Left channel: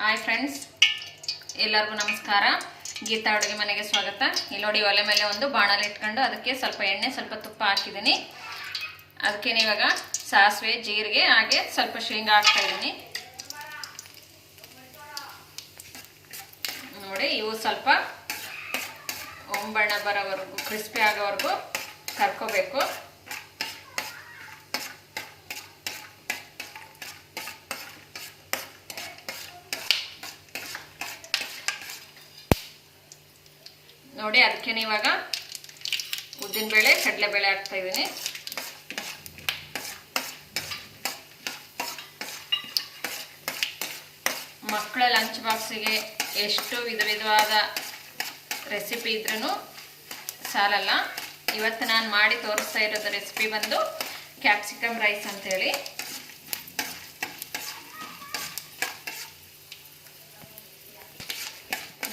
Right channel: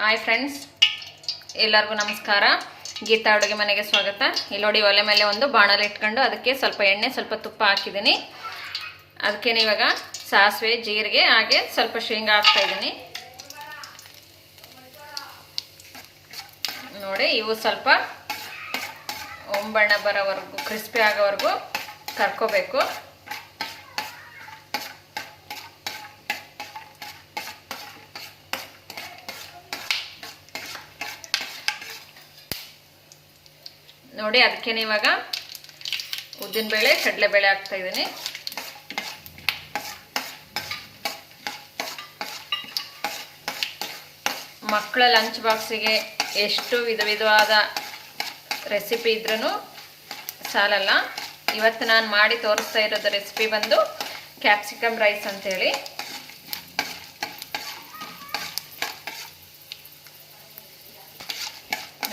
Hi friends ಎಲ್ಲರಿಗೂ ನಮಸ್ಕಾರ. ಗೀತಾ ಅಡುಗೆ ಮನೆಗೆ ಸ್ವಾಗತ. ಇಲ್ಲಿ ನೋಡಿ ಒಲೆ ಮೇಲೆ ಒಂದು ಬಾಣಲೆ ಇಟ್ಕೊಂಡು ಅದಕ್ಕೆ ಸ್ವಲ್ಪ ಎಣ್ಣೆ, ಸ್ವಲ್ಪ ತುಪ್ಪ ಹಾಕಿದ್ದೀನಿ. ಅದಕ್ಕೇನೆ ಇವಾಗ ಸಾಸಿವೆ, ಜೀರಿಗೆ, ಹಾಗೆ ಸ್ವಲ್ಪ ಶೇಂಗಾ ಹಾಕ್ತಾ ಇದ್ದೀನಿ. ನೋಡಿ, ಇವು ಸ್ವಲ್ಪ ಒಂಬಣ್ಣ ಬರೋವರೆಗೂ ಕ್ರಿಸ್ಪಿ ಆಗೋವರೆಗೂ ಕರ್ಕೋಬೇಕು. ನೋಡಿ, ಅದಕ್ಕೆ ಇವಾಗ ಕಡಲೆ ಕಡಲೆಬೇಳೆ ಹಾಕ್ತಾ ಇದ್ದೀನಿ. ಮಕ್ಕಳ ಲಂಚ್ ಬಾಕ್ಸಿಗೆ ಎಷ್ಟು ವಿಧ ವಿಧವಾದ ರೆಸಿಪಿ ಇದ್ರೂ ಸಾಲಲ್ಲ. ಇವತ್ತು ನಾನು ಮಾಡಿ ತೋರಿಸ್ತಾ ಇರೋದು ರೆಸಿಪಿ ಬಂದು ಕ್ಯಾಪ್ಸಿಕಮ್ ರೈಸ್ ಅಂತೇಳಿ.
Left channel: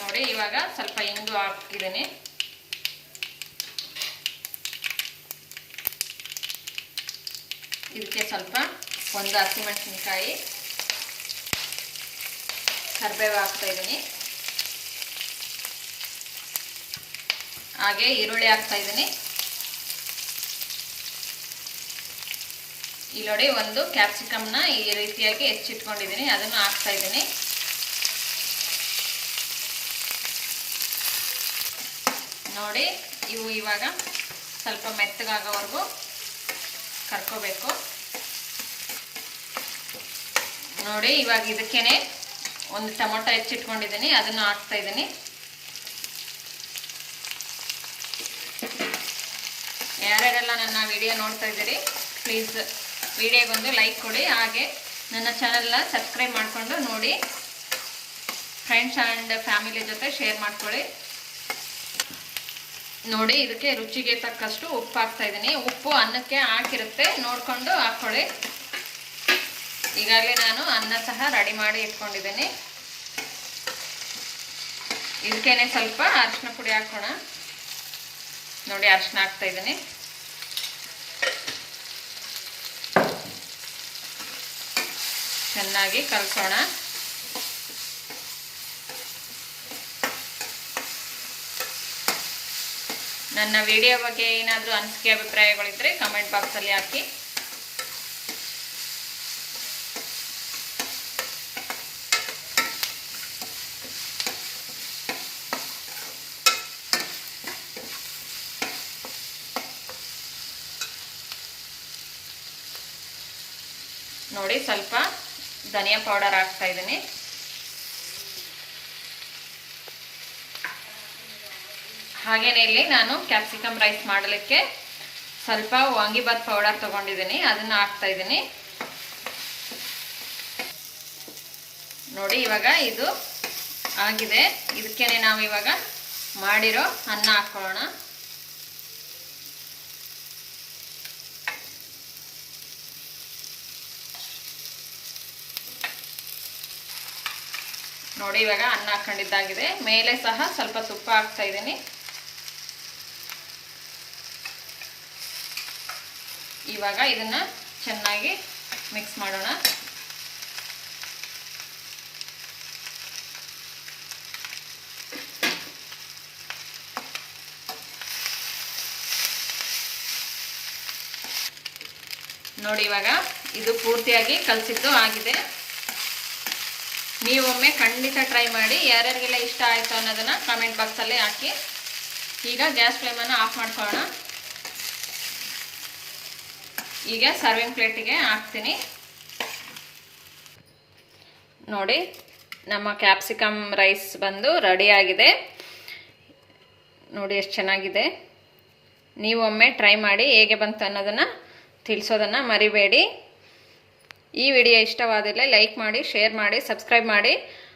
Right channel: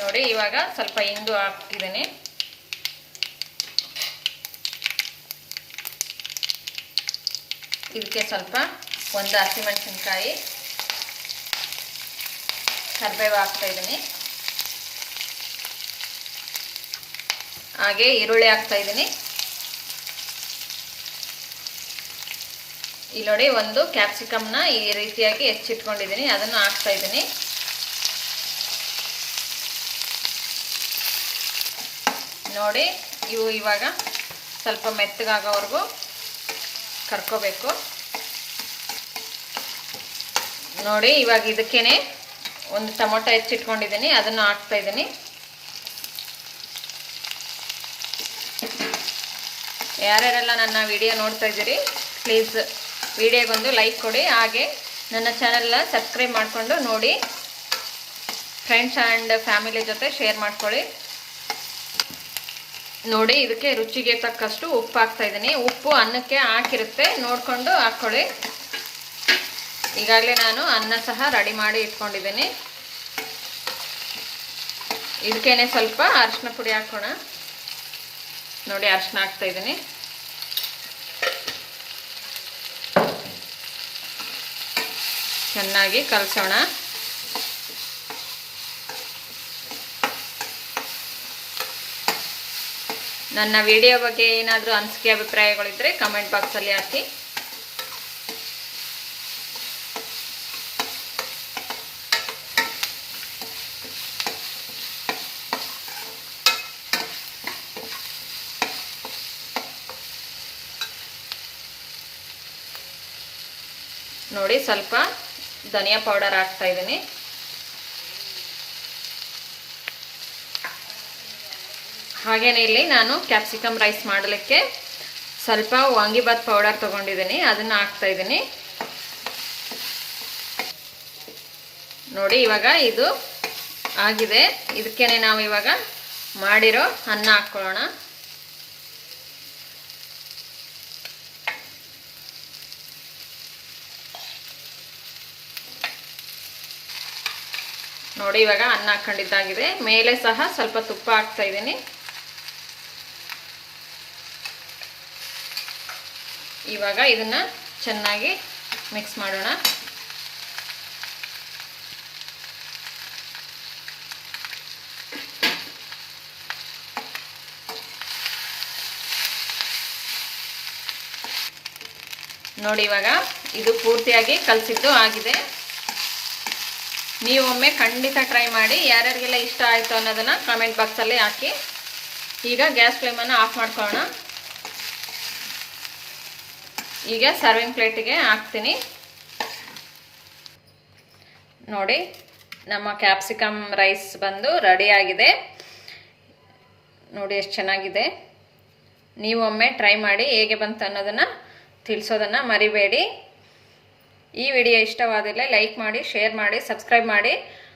ನೋಡಿ, ಇವಾಗ ಸ್ವಲ್ಪ ಇಂಗು ಹಾಕಿದ್ದೀನಿ ಇದಕ್ಕೆ ಸ್ವಲ್ಪ ಒಂದು ಹಸಿಮೆಣಸಿನ್ಕಾಯಿ ಕರಿಬೇವು ಹಾಕ್ತಾ ಇದ್ದೀನಿ ಹಾಗೆ ಈರುಳ್ಳಿ ಹಾಕ್ತಾ ಇದ್ದೀನಿ ಇಲ್ಲಿ ನೋಡಿ ಒಂದು ಕ್ಯಾಪ್ಸಿಕಮ್ನ ಈ ರೀತಿಯಾಗಿ ಹೆಚ್ಚಿಟ್ಕೊಂಡಿದ್ದೀನಿ, ಅದನ್ನು ಹಾಕ್ತಾ ಇದ್ದೀನಿ ನೋಡಿ, ಇವು ಇವಾಗ ಸ್ವಲ್ಪ ಮೆತ್ತಗಾಗೋವರೆಗೂ ಕರ್ಕೋಬೇಕು. ನೋಡಿ, ಇವಾಗ ಇದಕ್ಕೇನೆ ಒಂದು ಟೊಮೊಟೊ ಹೆಚ್ಚಿಟ್ಕೊಂಡಿದ್ದೀನಿ, ಅದನ್ನು ಹಾಕ್ತಾ ಇದ್ದೀನಿ. ಯಾರ್ಯಾರೆಲ್ಲ ನನ್ನ ವಿಡಿಯೋ ನೋಡ್ತಾ ಇದ್ದೀರಿ, ಪ್ಲೀಸ್ ವಿಡಿಯೋಗೊಂದು ಲೈಕ್ ಕೊಡಿ, ಹಾಗೆ ನನ್ನ ಚಾನಲ್ನ ಸಬ್ಸ್ಕ್ರೈಬ್ ಮಾಡಿಕೊಂಡು ನೋಡಿ, ಫ್ರೆಂಡ್ಸ್ ಆ್ಯಂಡ್ ಫ್ಯಾಮಿಲಿ ಜೊತೆ ಶೇರ್ ಮಾಡ್ಕೊಳ್ಳಿ. ನೋಡಿ, ಇದಕ್ಕೆ ರುಚಿಗೆ ತಕ್ಕಷ್ಟು ಉಪ್ಪು ಹಾಕ್ತಾ ಇದ್ದೀನಿ. ಉಪ್ಪು ಅನ್ನಕ್ಕೆ ಹಾಕಿರುತ್ತೆ. ನೋಡಿಕೊಂಡು ಹಾಕ್ಕೊಳ್ಳಿ ಈಗಾಗಲೇ ನಾನು ಅನ್ನ ಸಹ ರೆಡಿ ಮಾಡಿ ಇಟ್ಕೊಂಡಿದ್ದೀನಿ. ಇದಕ್ಕೇನೆ ಸ್ವಲ್ಪ ಅರಿಶಿನ ಪುಡಿ ಹಾಕೋಣ. ನೋಡಿ ಅರಿಶಿನ ಹಾಕ್ತಾ ಇದ್ದೀನಿ. ಚೆನ್ನಾಗಿ ಕಲಸೋಣ. ನನ್ನ ವಿಡಿಯೋ ಬಗ್ಗೆ ಏನಾದರೂ ಅನಿಸಿಕೆ ಅಭಿಪ್ರಾಯಗಳಿದ್ದರೆ ಕಮೆಂಟ್ ಬಾಕ್ಸಲ್ಲಿ ಹಾಕಿ. ನೋಡಿ, ಸ್ವಲ್ಪ ಧನಿಯಾ ಪೌಡರ್ ಹಾಕ್ತಾ ಇದ್ದೀನಿ. ಹಾಗೇನೆ ಇಲ್ಲಿ ನಾನು ಕ್ಯಾಪ್ಸಿಕಮ್ ರೈಸ್ ಮಾಡಲಿಕ್ಕೆ ಸ್ವಲ್ಪ ವಾಂಗಿಬಾತ್ ಪೌಡರ್ ತೊಗೊಂಡಿದ್ದೀನಿ, ಅದನ್ನು ಹಾಕ್ತಾ ಇದ್ದೀನಿ. ನೋಡಿ, ಇವಾಗ ಇದು ಆಗಿದೆ. ಇದಕ್ಕೇನೆ ನಾವು ಇವಾಗ ಮಾಡಿರೋ ಅನ್ನ ಹಾಕೊಳ್ಳೋಣ ನೋಡಿ, ಇವಾಗ ಅನ್ನ ಹಾಕೊಂಡಿದ್ದಾಗಿದೆ. ಮೇಲೆ ಸಹ ಸ್ವಲ್ಪ ತುಪ್ಪ ಹಾಕ್ತಾ ಇದ್ದೀನಿ. ಇವಾಗ ಇದನ್ನ ಚೆನ್ನಾಗಿ ಮಿಕ್ಸ್ ಮಾಡೋಣ. ನೋಡಿ ಇವಾಗ ಇದು ಪೂರ್ತಿಯಾಗಿ ಕಲಸಿದ್ದು ಆಗಿದೆ. ನೀವು ಒಮ್ಮೆ ಖಂಡಿತ ಟ್ರೈ ಮಾಡಿ ಯಾರ್ಯಾರಿಗೆಲ್ಲ ಇಷ್ಟ ಆಯಿತು ಅನ್ನೋದನ್ನು ಕಮೆಂಟ್ ಬಾಕ್ಸಲ್ಲಿ ಹಾಕಿ. ಈಗ ಗ್ಯಾಸ್ ಫ್ಲೇಮನ್ನು ಆಫ್ ಮಾಡ್ಕೊಳ್ಳೋಣ. ಈಗ ಸರ್ವಿಂಗ್ ಪ್ಲೇಟಿಗೆ ಹಾಕ್ತೀನಿ. ನೋಡಿ, ನಮ್ಮ ಕ್ಯಾಪ್ಸಿಕಮ್ ರೈಸ್ ಬಂದು ರೆಡಿಯಾಗಿದೆ ನೋಡಿ ಎಷ್ಟು ಚೆನ್ನಾಗಿದೆ. ನೀವೊಮ್ಮೆ ಟ್ರೈ ಮಾಡಿ ಹೇಗೆ ಬಂತು ಅನ್ನೋದನ್ನು ತಿಳಿಸೋದನ್ನು ಮರಿಬೇಡಿ. ಈ ವಿಡಿಯೋ ಇಷ್ಟವಾದಲ್ಲೇ ಲೈಕ್ ಮಾಡಿ ಶೇರ್ ಮಾಡಿ ಸಬ್ಸ್ಕ್ರೈಬ್ ಮಾಡಿ.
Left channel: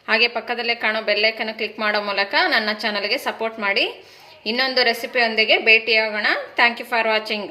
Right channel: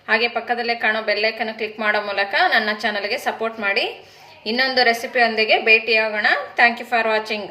ಹಾಗೆ ಪಕ್ಕದಲ್ಲೇ ಕಾಣೋ ಬೆಲ್ಲೈಕನ್ನು ಕ್ಲಿಕ್ ಮಾಡೋ ಮೂಲಕ ನನ್ನ ಚಾನಲ್ಗೆ ಸಪೋರ್ಟ್ ಮಾಡಿ. ಇನ್ನೊಂದು ರೆಸಿಪಿಯೊಂದಿಗೆ ಭೇಟಿಯಾಗೋಣ. Thank you for watching